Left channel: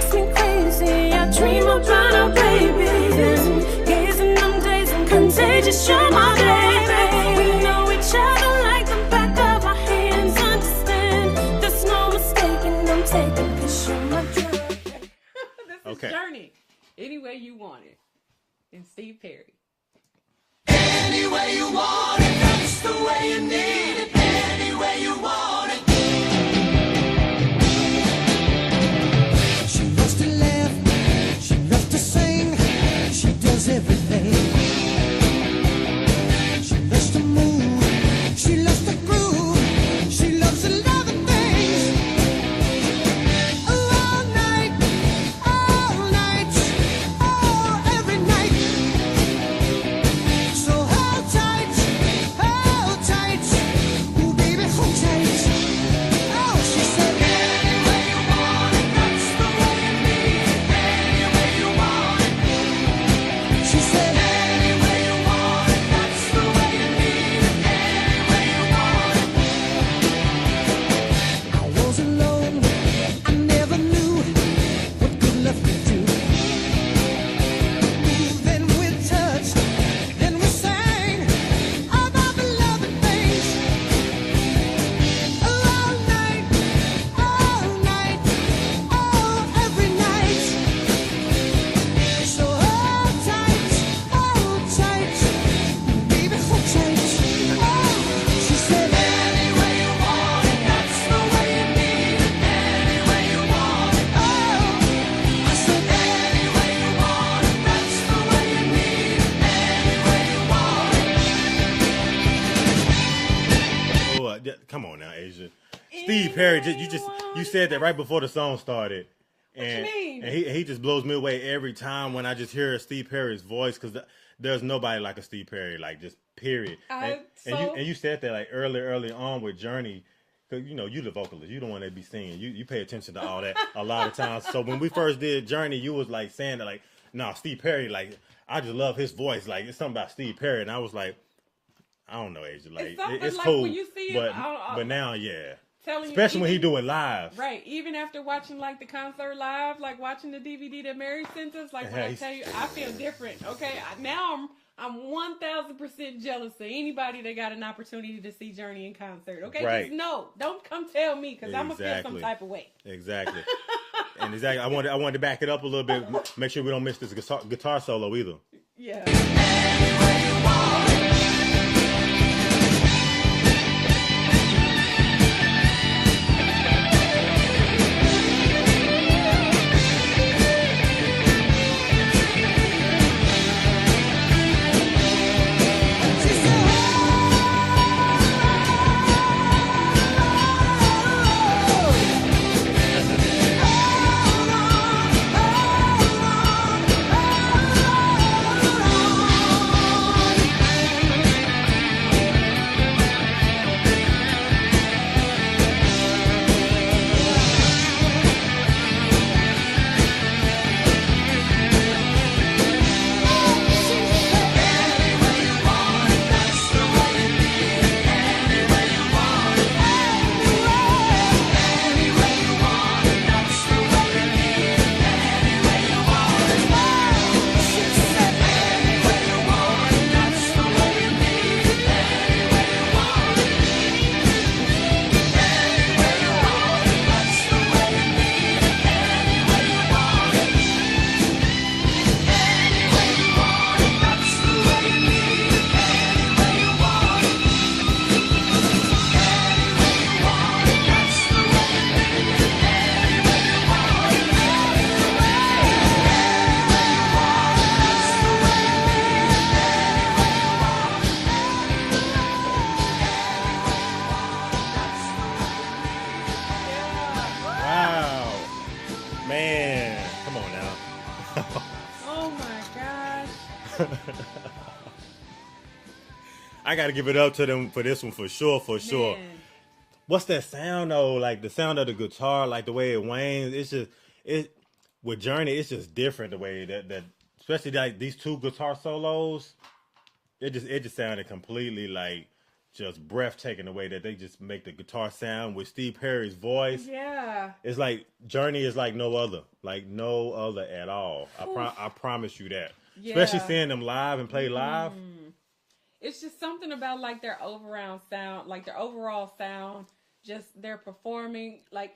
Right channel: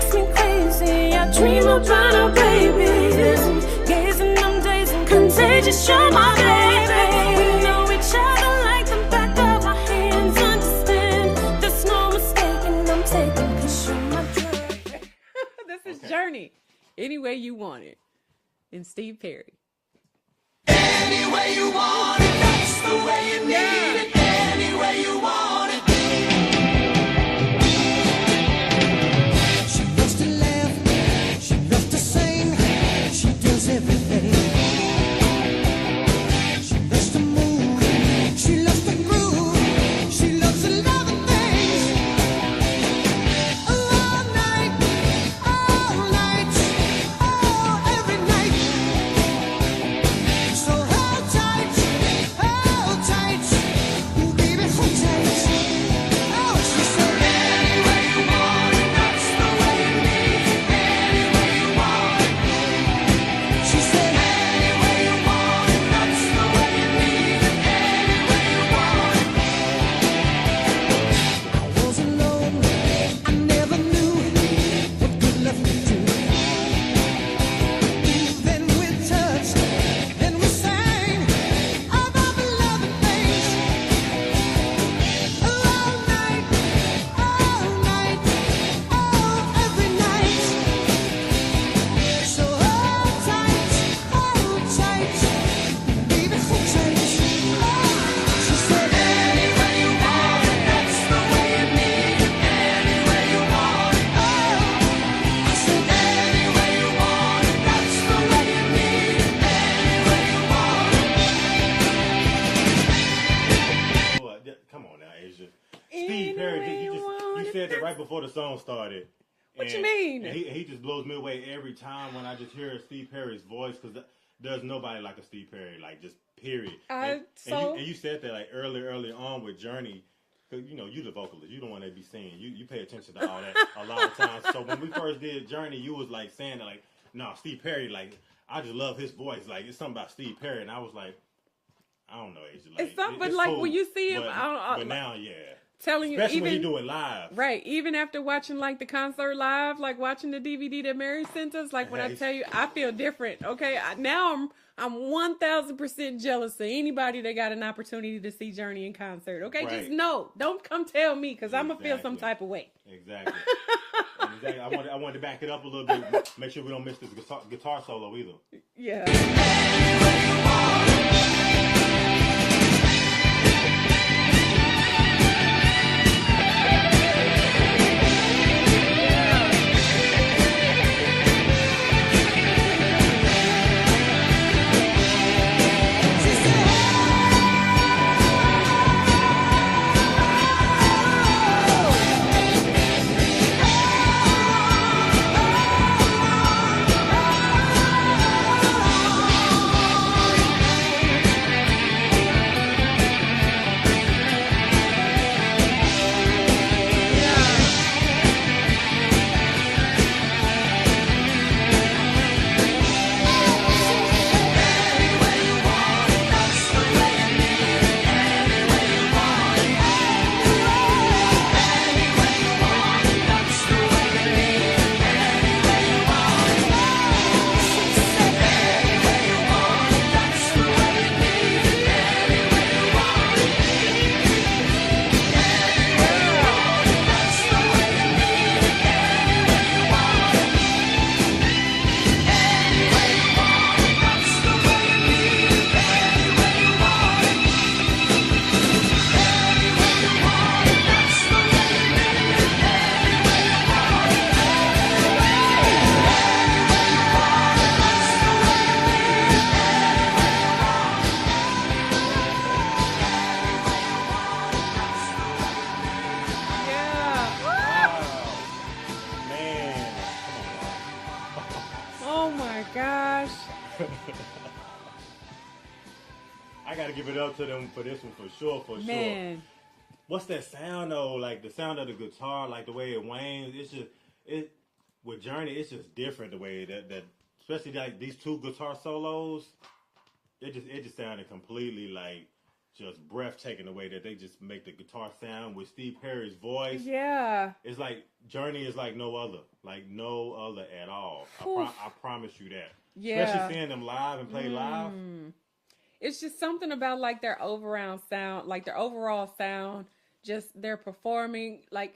makes me crazy. I dream about our babies, gazing them days and contagious. You're my baby. We know each other like the back of our hands. Understand, there's no mistaking. I'm taking 'cause you're my drug. This is Journey. Any way you want it. And Steve Perry. Any way you want it, that's the way you need it. Any way you want it. She loves to laugh, she loves to sing, she does everything. She loves to move, she loves to groove, she loves a lot of things. All night, oh, every night. So hold tight, ooh baby, hold tight. Oh, she said, any way you want it, that's the way you need it. Any way you want it. She said, any way you want it, that's the way you need it. Any way you want it. I was alone, I never knew what good love could do. Then we touched, then we sang about the loving things. All night, oh, every night. So hold tight, baby, hold tight. Oh, she said, any way you want it, that's the way you need it. Any way you want it. Oh, I said, any way you want it, that's the way you need it. Any way you want it. Well, come on now, Asia. Steve Perry, you said that right before the song started. What you mean? And he just blows me away every time when I just hear Steve Perry's voice, because there's nobody like a Steve Perry, like just period. And you said that like early on with Journey, because you the vocalist, you the one that be singing, you pay attention to all that a lot of times. So when we first did Journey, you was like saying that like, no, Steve Perry, like I just love his voice, like it's something about Steve Perry, and I was like, I don't know, Asia, like It's something it's like cool, when you see him, but now, yeah. telling you, Especially when he even- do it live. Right, even after watching like the concert live, like watching the DVD that Mary sent us, like when I tell you, I feel different. Okay, now I'm 1000% jealous of anybody that got an opportunity to see Journey in concert. Okay, Right. just no, don't come tell me because I'm gonna feel some Exactly. type of way. Exactly. And exactly, I wanted to back it up a little bit, make sure we don't miss this guitar solo either. Yeah. She said, I gotta give it up to them for this one for sure. Man. What's that sound though? Like the sound of the guitar, like the way it wanes. It's just with Journey. It's just different the way that especially like these two guitar solos. It just sounded completely like just breathtaking the way that they just make the guitar sound with Steve Perry's voice. Yeah. It's like Journey is like no other at all. I promise you that. Yeah. Especially seeing them live and play live. It's just something about like their overall sound, just their performing like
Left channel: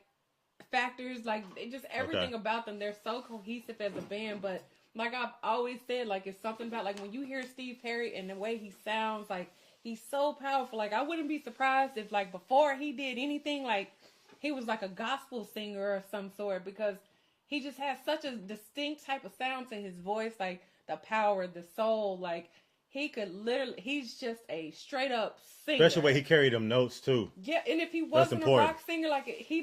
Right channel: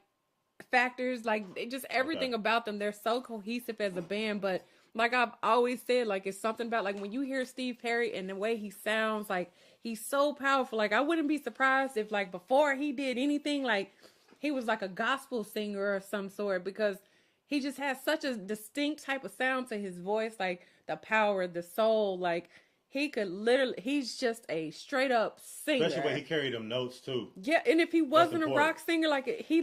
factors, like just everything about them. They're so cohesive as a band, but like I've always said, like it's something about like when you hear Steve Perry and the way he sounds, like he's so powerful. Like I wouldn't be surprised if like before he did anything, like he was like a gospel singer of some sort, because he just has such a distinct type of sound to his voice, like the power, the soul, like he could literally, he's just a straight up singer. Especially the way he carried them notes too. Yeah, and if he wasn't a rock singer, like he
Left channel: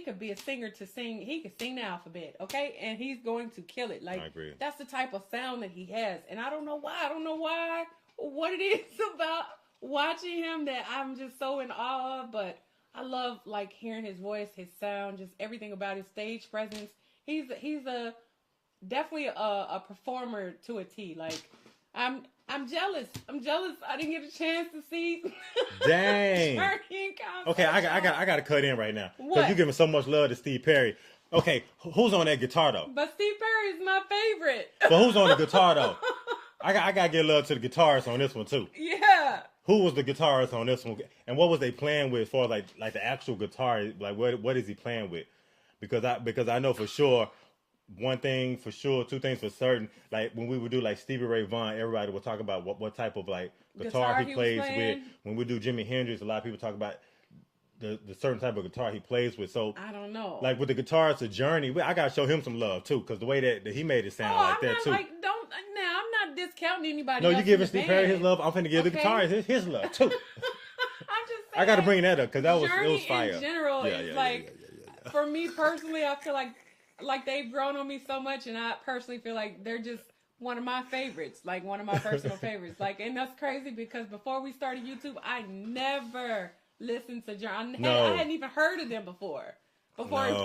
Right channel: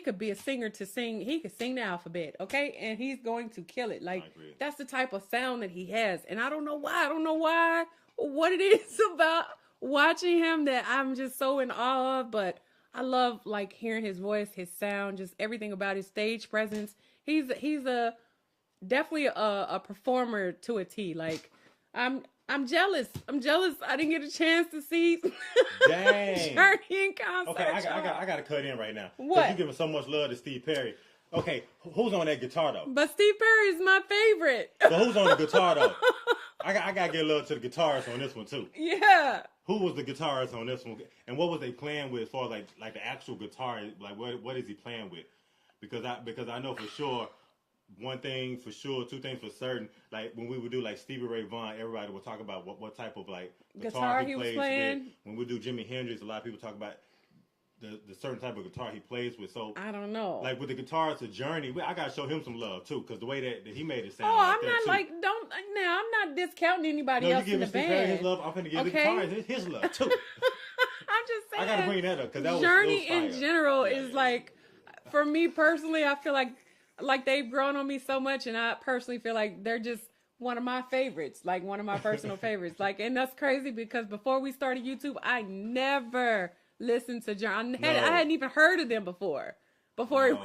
could be a singer to sing. He could sing the alphabet, okay, and he's going to kill it. Like I agree. That's the type of sound that he has, and I don't know why, what it is about watching him that I'm just so in awe of. But I love like hearing his voice, his sound, just everything about his stage presence. He's definitely a performer to a T. Like I'm jealous. I didn't get a chance to see Dang. Journey in concert. Okay, I got to cut in right now. What? Because you're giving so much love to Steve Perry. Okay, who's on that guitar though? But Steve Perry is my favorite. But who's on the guitar though? I got to give love to the guitarist on this one too. Yeah. Who was the guitarist on this one? And what was they playing with for like the actual guitar? Like what is he playing with? Because I know for sure. One thing for sure, two things for certain. Like when we would do like Stevie Ray Vaughan, everybody would talk about what type of like guitar he plays with. When we do Jimi Hendrix, a lot of people talk about the certain type of guitar he plays with. So I don't know. Like with the guitarist of Journey, I gotta show him some love too, because the way that he made it sound I'm that not too. I'm not discounting anybody. No, else you giving in the Steve band. Perry his love. I'm finna give the guitarist his love too. I'm just saying. I gotta bring that up because it was fire. Journey in general is for me personally, I feel like they've grown on me so much, and I personally feel like they're just one of my favorites, like one of my personal favorites. Like, and that's crazy because before we started YouTube, I never listened to Journey. I hadn't even heard of them before we started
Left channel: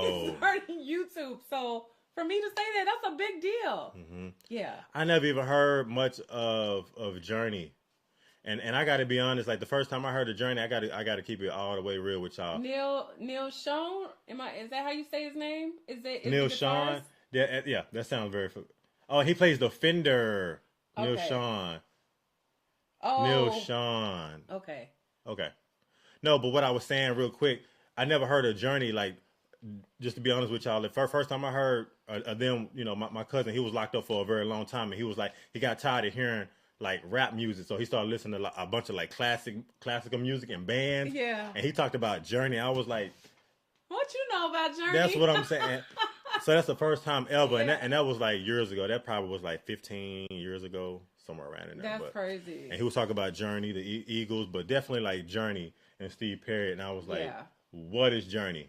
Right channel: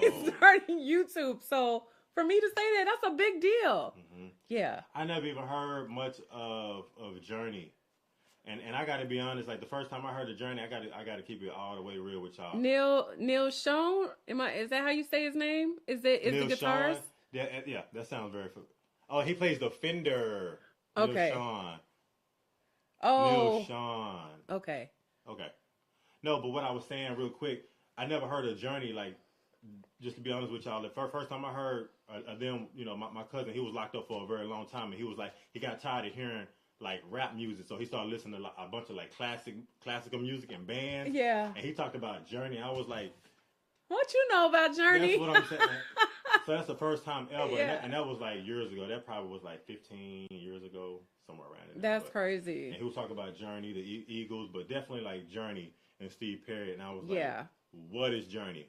YouTube. So for me to say that's a big deal. Mm-hmm. Yeah. I never even heard much of Journey. And I got to be honest, like the first time I heard of Journey, I got to keep it all the way real with y'all. Neil Sean, is that how you say his name? Is Neil the Sean? Yeah, that sounds very. Oh, he plays the Fender. Okay. Neil Sean. Oh. Neil Sean. Okay. No, but what I was saying real quick, I never heard of Journey. Like, just to be honest with y'all, the first time I heard of them, my cousin, he was locked up for a very long time, and he was like, he got tired of hearing like rap music, so he started listening to like, a bunch of like classical music and bands. Yeah. And he talked about Journey. I was like, what you know about Journey? That's what I'm saying. So that's the first time ever, and that was like years ago. That probably was like 15 years ago, somewhere around in there. That's crazy. And he was talking about Journey, the Eagles, but definitely like Journey and Steve Perry. And I was like, what is Journey?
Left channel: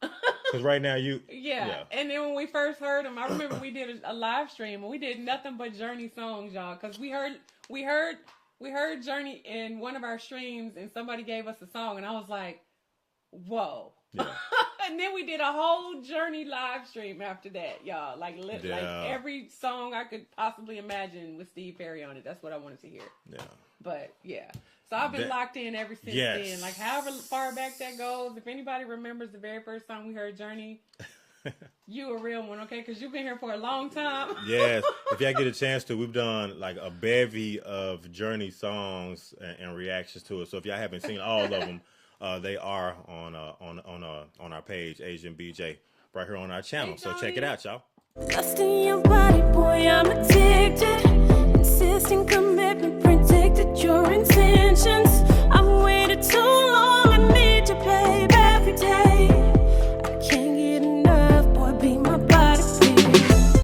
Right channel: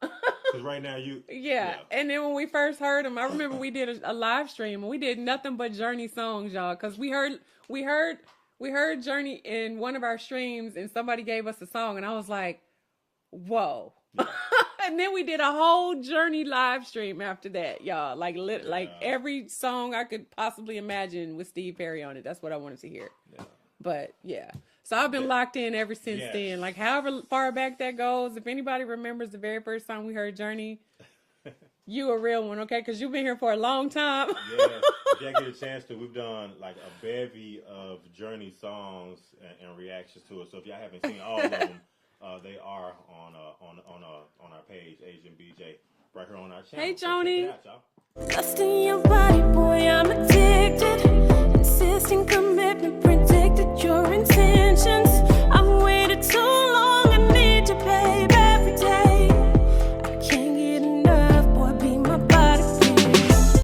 Because right now yeah. And then when we first heard him, I remember we did a live stream, and we did nothing but Journey songs, y'all. Because we heard Journey in one of our streams, and somebody gave us a song, and I was like, whoa. Yeah. And then we did a whole Journey live stream after that, y'all. Like every song I could possibly imagine with Steve Perry on it. That's what I wanted to hear. Yeah. But yeah. So I've been locked in ever since then. Like however far back that goes, if anybody remembers the very first time we heard Journey, you a real one, okay? Because you've been here for a long time. Yes. If y'all get a chance to, we've done like a bevy of Journey songs and reactions to it. So if y'all haven't seen all of them, they are on our page, Asian BJ, right here on our channel. Hey, so check it out, y'all. Dust in your body, boy, I'm addicted.